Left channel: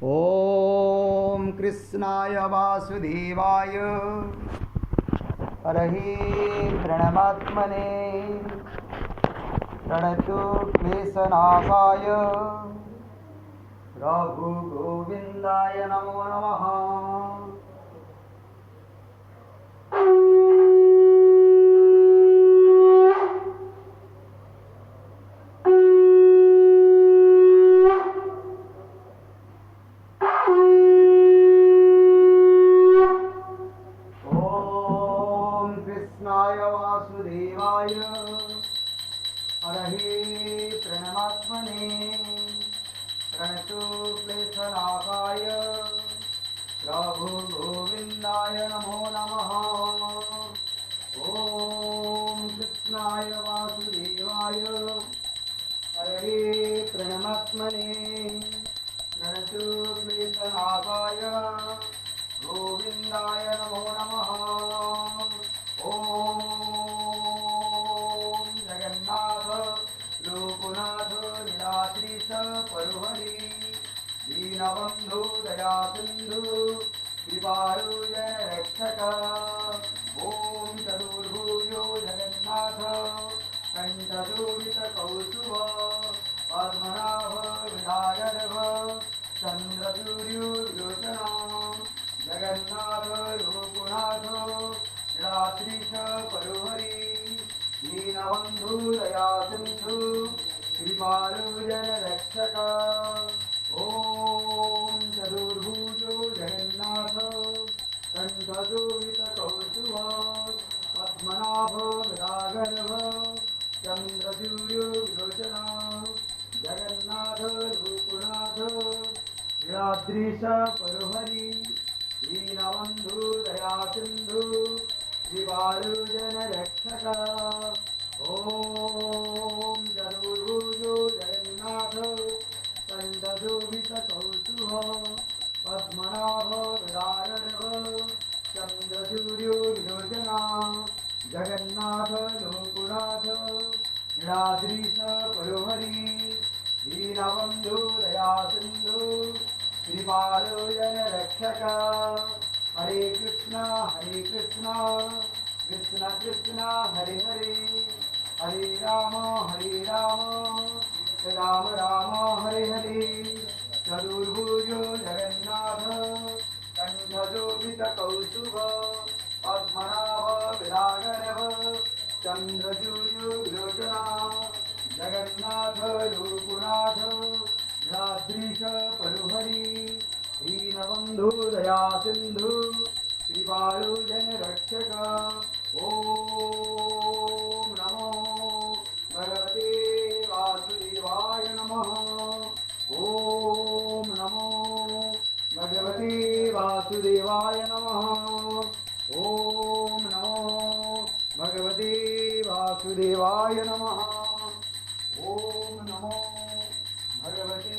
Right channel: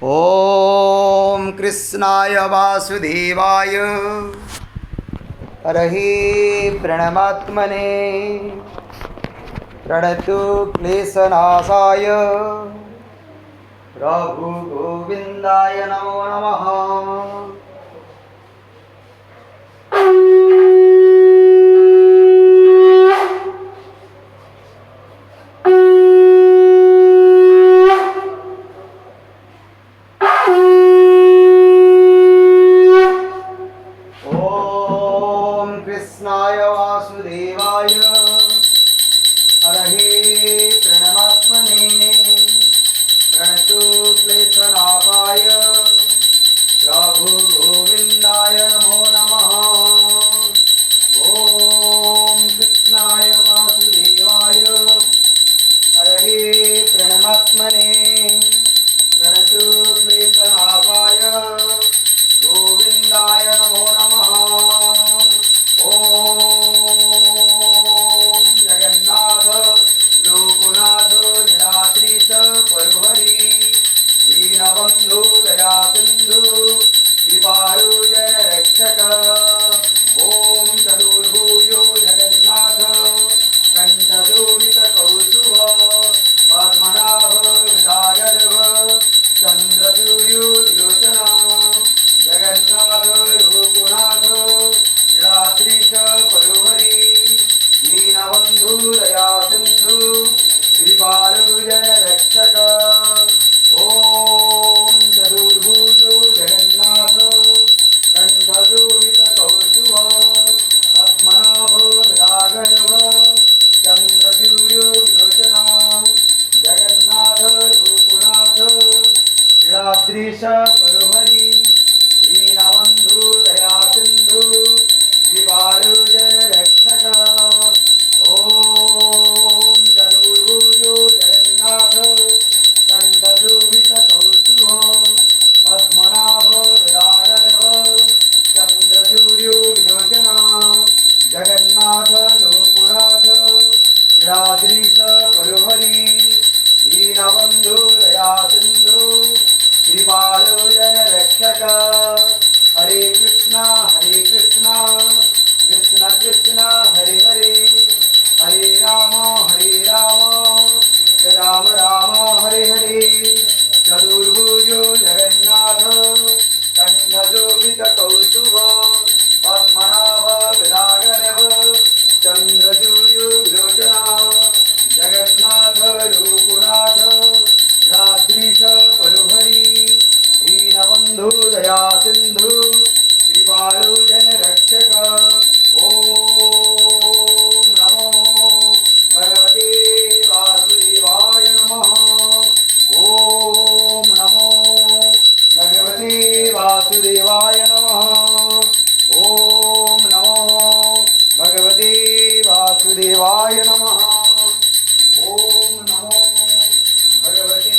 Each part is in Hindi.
ओम कृष्णाय वासुदेवाय हरहि प्रणमात्मने प्रणतु क्लेशनाशाय प्रभु गोविंदाय नमो नमः। कृष्णाय वासुदेवाय हरहि प्रणमात्मने प्रणतु क्लेशनाशाय प्रभु गोविंदाय नमो नमः। ओम कृष्णाय वासुदेवाय हरहि प्रणमात्मने प्रणतु क्लेशनाशाय गोविंदाय नमो नमः। ओम जगन्नाथ लोकनाथ नीलाद्रीश परुहरि दीनबंधु दया सिंधु कृपालु जन रक्षक। ओम चतुर्भुजो जगन्नाथ कंठशोभित कौस्तुभ पद्मनाभ हृदयार्भ चंद्रसूर्यो विलोचन जगन्नाथ लोकनाथ नीलाद्रीश परुहरि दीनबंधु दया सिंधु कृपालु जन रक्षक। ओम चतुर्भुजो जगन्नाथ कंठशोभित कौस्तुभ पद्मनाभ हृदयार्भ चंद्रसूर्यो विलोचन जगन्नाथ लोकनाथ नीलाद्रीश परुहरि दीनबंधु दया सिंधु कृपालु जन रक्षक। ओम चतुर्भुजो जगन्नाथ कंठशोभित कौस्तुभ पद्मनाभ हृदयार्भ चंद्रसूर्यो विलोचन जगन्नाथ लोकनाथ नीलाद्रीश परुहरि दीनबंधु दया सिंधु कृपालु जन रक्षक। हरे कृष्णा कृष्ण कृष्ण हरे हरे हरे राम राम राम हरे हरे। चतुर्भुजो जगन्नाथ कंठशोभित कौस्तुभ पद्मनाभ हृदयार्भ चंद्रसूर्यो विलोचन जगन्नाथ लोकनाथ नीलाद्रीश परुहरि दीनबंधु दया सिंधु कृपालु जन रक्षक। ओम नमो भगवते वासुदेवाय नमः। ओम नमो भगवते वासुदेवाय नमः। ओम नमो भगवते वासुदेवाय नमः। ओम नमो भगवते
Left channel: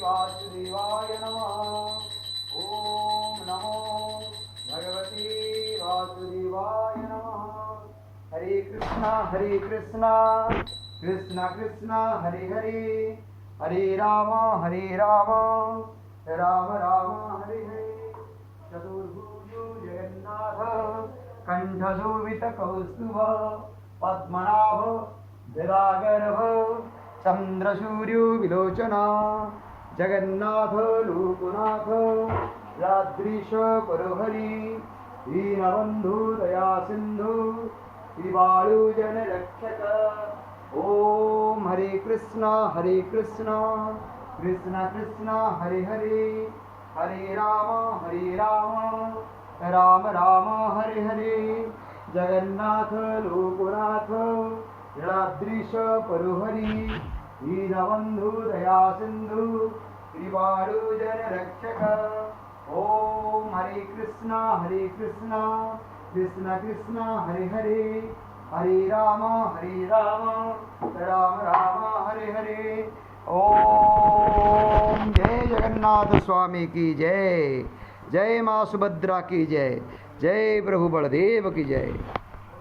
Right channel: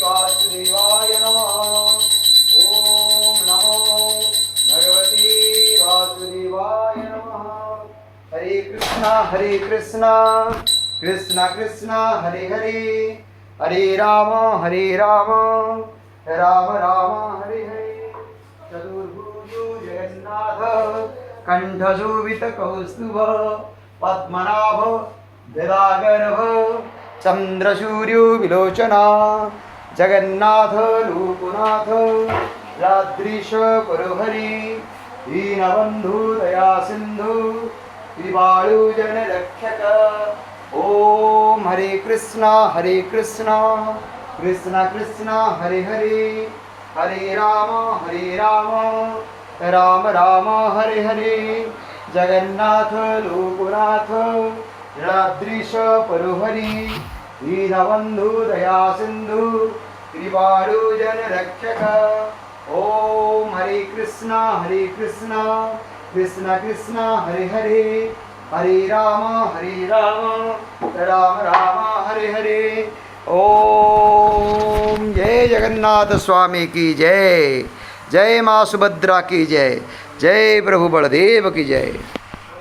वासुदेवाय नमः। ओम नमो भगवते वासुदेवाय नमः। हरे कृष्णा कृष्ण कृष्ण हरे हरे हरे राम राम राम हरे हरे। चतुर्भुजो जगन्नाथ कंठशोभित कौस्तुभ पद्मनाभ हृदयार्भ चंद्रसूर्यो विलोचन जगन्नाथ लोकनाथ नीलाद्रीश परुहरि दीनबंधु दया सिंधु कृपालु जन रक्षक। ओम हरे कृष्णा कृष्ण कृष्ण हरे हरे हरे राम राम राम हरे हरे। जगन्नाथ लोकनाथ नीलाद्रीश परुहरि दीनबंधु दया सिंधु कृपालु जन रक्षक। ओम हरे कृष्णा कृष्ण कृष्ण हरे हरे हरे राम राम हरे हरे। ओम जय जगन्नाथ स्वामी की जय। जय माँ सुभद्रा की जय। जय प्रभु बलदेव की जय।